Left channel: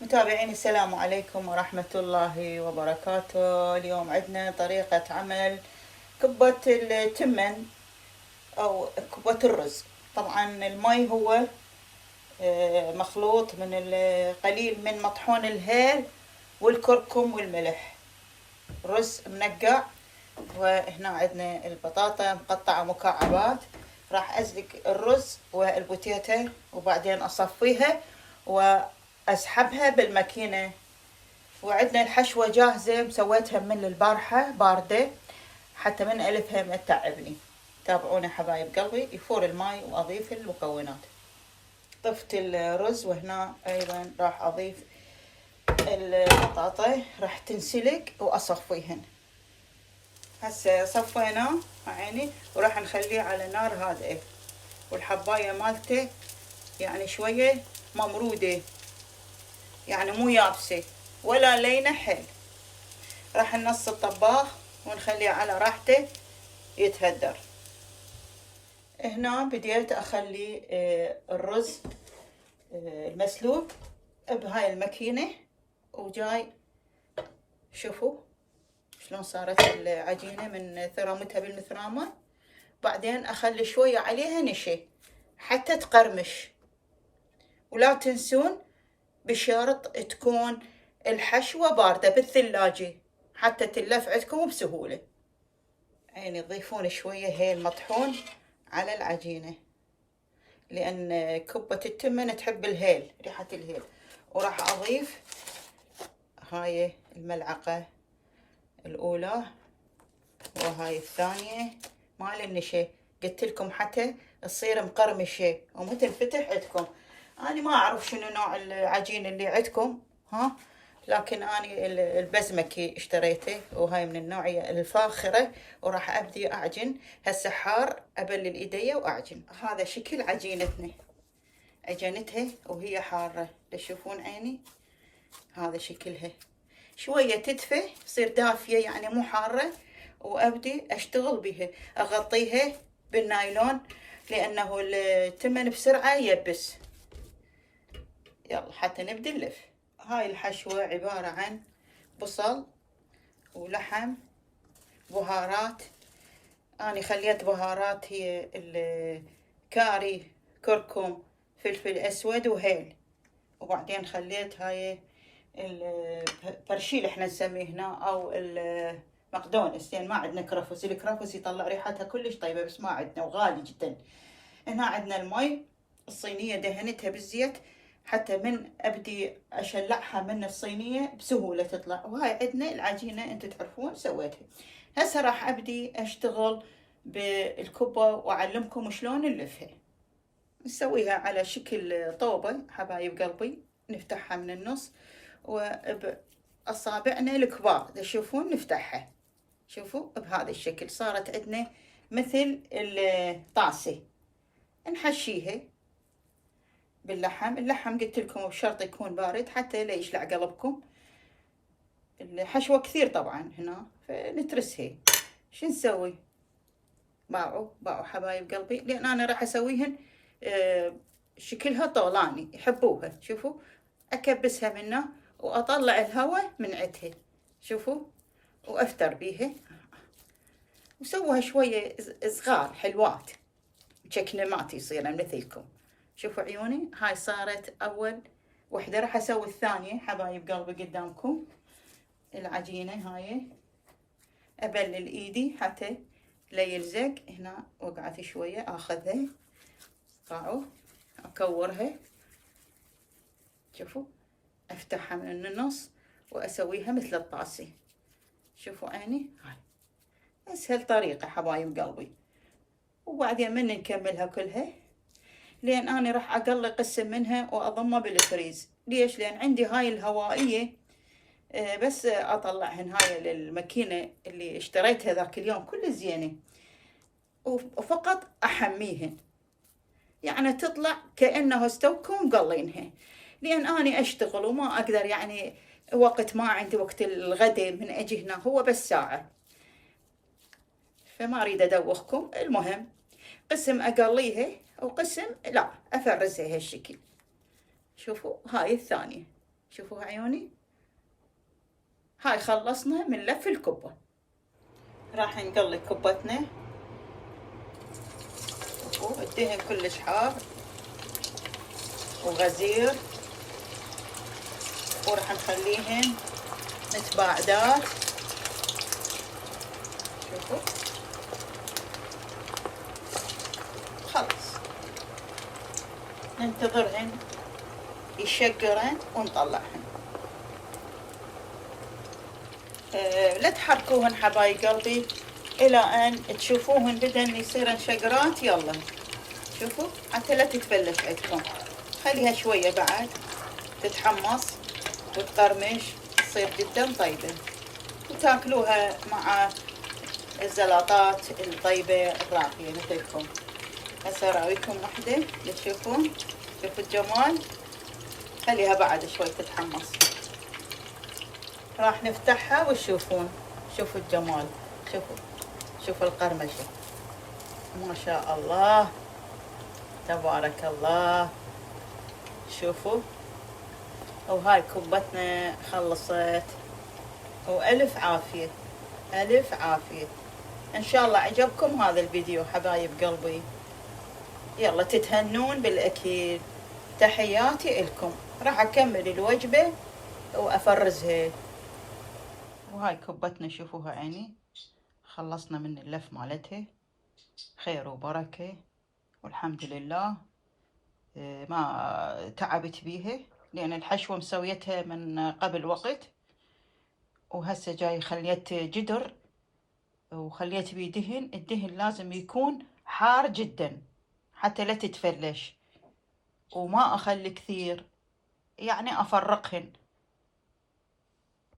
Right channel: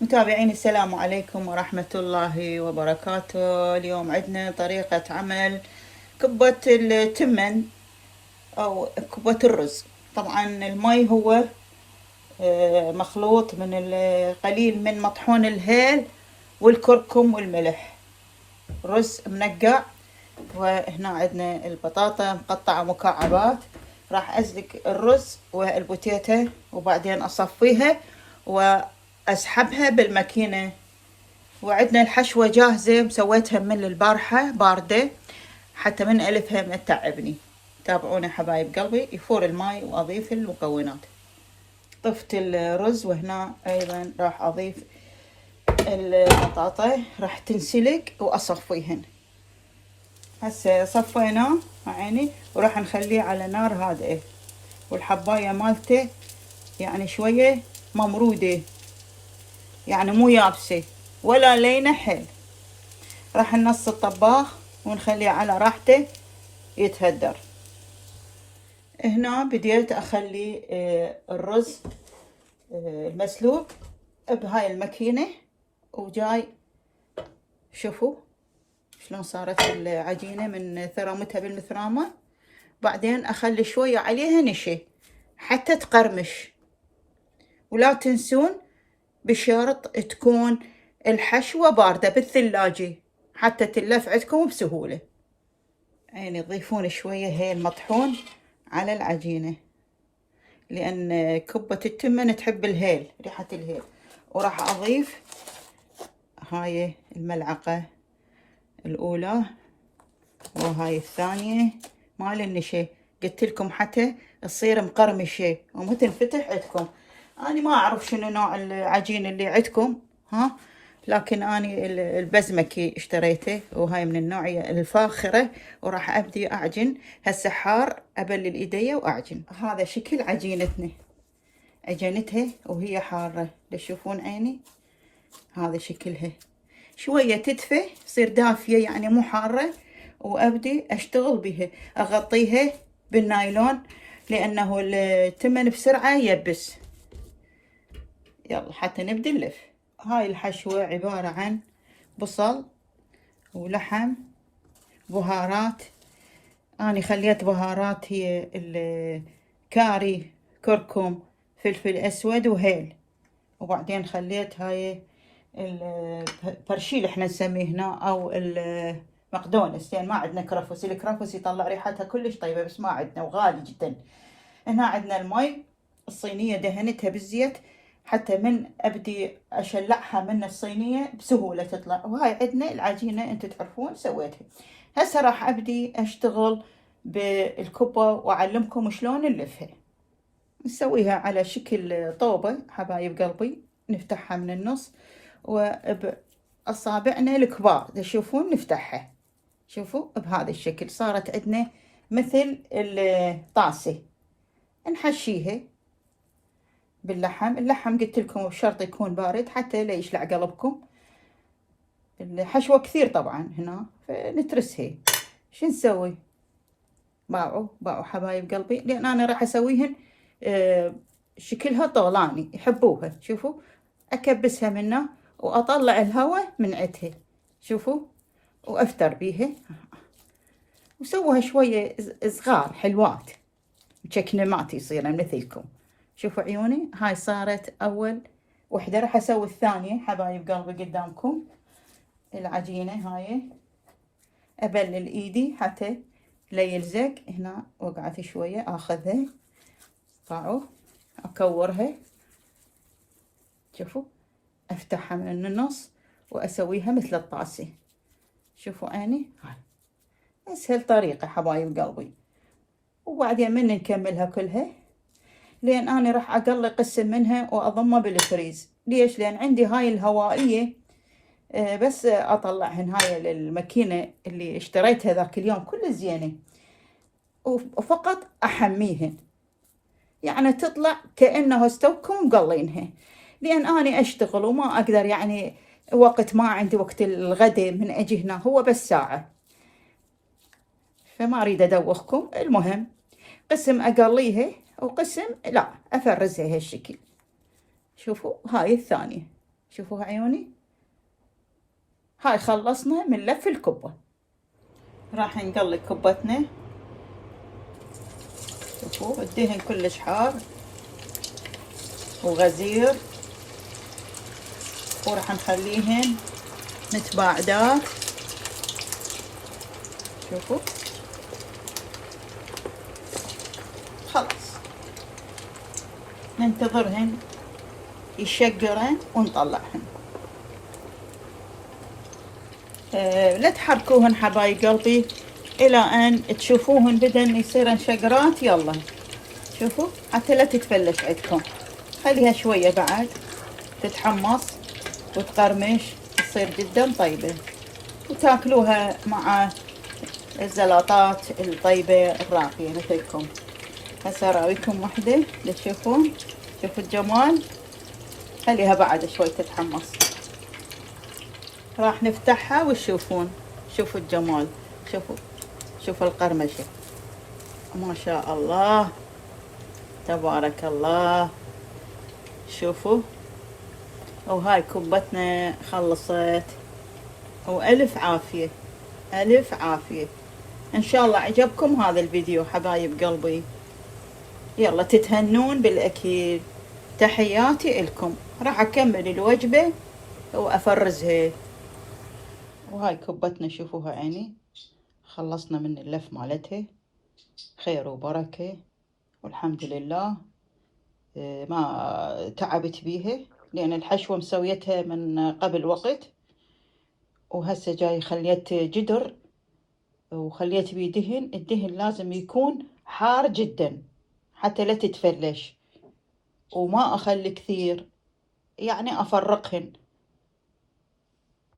متابعين السلام عليكم ورحمة الله وبركاته. اليوم عندنا طريقة عمل كبة التمن أو كبة الرز. طبعا المي هو مخلوط من القليل من مطحون الهيل والكركم والملح. رز منقع، وهنا عندنا البطاطا مقطعة مكعبات. راح أسلق الرز والبوتيتا وبعدين أصفيها وأسحبها بالماكينة. وعندنا الحشوة جاهزة مسويتها من البارحة باردة حتى من ألفها ما تتعبني. تابعوني حبايب قلبي. يفور الماي وأضيف المكونات. طفت الرز وهنا أيضا راح أضيف البطاطا، راح تنسلق وأصفيهن. هسه صفيناه عيني وراح نخليه على نار هادئة، والحباية مالته يعني شوية ممرودة، يعني مو يابسة ولا لينة حل. راح ننص الطباخ ونخليه على راحته يتهدر. هنا بديت اخلي الرز المسلوق بهاي الماكينة، وجاي شوفوا شلون صارت العجينة من ثرامتها بالمثرامة. بعدين اخلي شوية عليها نشا حتى تقرمش. ولا تنسون بشرط تكون الحشوة باردة بالثلاجة حتى تلف عندكم بسهولة. يعني تضيفون شوية هيل مطحون على العجينة، لأن كبة التمن تحب الهيل، ريحة الهيل. وراح أضيف هاي الملعقة الأولى وهاي الثانية مال النشا. قلت لكم حتى تصير مقرمشة ومو تنفتح عندكم. أنا ما أعرف شنو نوع العجين اللي عندكم، ها، لكن أنا البزمكي اشتريته وهاي من النوعية الفاخرة. وراح أبدي أعجن. هسه حار، أبلل إيدي وأعجن. هذا شكل عجينتنا، عجنتها وهي حارة. تشوفون عيني هذا شكلها. شوية تدفى تصير دافية يعني مو حارة، وأبدي أشتغل بها. أغطيها بالنايلون لأنه التمن بسرعة يبس. يلا حتى نبدي نلف. هاي الحشوة عبارة عن بصل ولحم، بهارات. أنا خليت بهارات هي الكاري، كركم، فلفل أسود وهيل. وبعدين خليت هاي البرشيل احنا نسميه هنا، أو المقدونس، لأن ما عندنا كرفس. الكرفس يطلع ريحتها كلش طيبة بس ما عندنا وغالي جدا. هنا عندنا المي، الصينية دهنتها بالزيت حتى من أبدي أشلعها من الصينية بسهولة تطلع. وهاي عندنا العجينة انتو تعرفون سويتها. هسه راح أبدي أشتغل بالكبة وأعلمكم شلون نلفها. نسويها على شكل طوبة حبايب قلبي، نفتحها من النص وبأصابعنا الكبار تشوفون نفتحها. شوفوا بهذا الشكل صارت عندنا مثل الطاسة. نحشيها باللحم. اللحم قلت لكم بشرط يكون بارد حتى لا يشلع قلبكم. الحشوة كثير طبعا هنا، فنترسها. شو نسوي؟ باعوا حبايب قلبي، لان انا راح اسويهن شكلها طولاني يحبوها. شوفوا اكبسها منه واطلع الهواء من عندها. شوفوا وافتر بيها وسوها شوية صغار حلوات مشكنمات يصيرن مثلكم. شوفوا عيوني، هاي صارت اول وحدة. راح اسوي الثانية حبايب قلبي قدامكم. العجينة هاي ابلل ايدي حتى لا يلزق. هنا وقعت شوية اخذها طاعوا اكورها. شوفوا افتحها من النص واسويها مثل الطاسة. شوفوا عيني، هاي اسهل طريقة حبايب قلبي. وبعدين من نكملها كلها، لان انا راح اقلي قسم منها واضمه بالفريز. ليش؟ لان عندي هاي الهوائية بس اطلعهن. هاي للماكينة اللي اشتريتها ذاك اليوم كل زينة، وفقط احميهن يعني تطلع كأنه استوكم مقلينها. لان اني اشتغل وما اقدر يعني وقت، ما عندي وقت الغداء من اجي هنا، هو بس ساعة، فما اريد ادوخكم. المهم قسم اقليها وقسم لا افرزها هالشكل. شوفوا هاي الثانية شوفوا عيوني. هاي خلصنا من لف الكبة. راح نقلي كبتنا. شوفوا الدهن كلش حار وغزير، وراح نخليهن متباعدات. شوفوا خلص، ننتظرهن يشقرن ونطلعهن. لا تحركوهن حبايب قلبي الى ان تشوفوهن بدن يصيرن شقرات. يلا شوفوا حتى لا تتفلش عندكم، خليها شوية بعد تتحمص وتقرمش، تصير جدا طيبة وتاكلوها مع الزلطات الطيبة الراقية مثلكم. هسه اراويكم وحدة لتشوفون. شوفوا الجمال، خليها بعد شوي تتحمص. راح نفتحها وتشوفون. شوفوا الجمال، شوفوا القرمشة، ما شاء الله تبارك الله. شوفوا، وهاي كبتنا خلصت، وألف عافية ألف عافية. إن شاء الله عجبكم هذا الفيديو حبايب قلبي. يلا تتهنون بالأكيد. تحياتي لكم. راح أكمل الوجبة وأفرزها. وهاي كبتنا شوفوها عيني، خلصنا من اللف مالتها، خير وبركة والحمد لله. ما تعبت بيها لأن الحشوة مسويتها من قبل وقت، وهسه جاي خليت جدر وخليت بيه دهن. الدهن لازم يكون حار جدا حتى لا تتفلش، وما أخلي كثير، يعني أفرقهن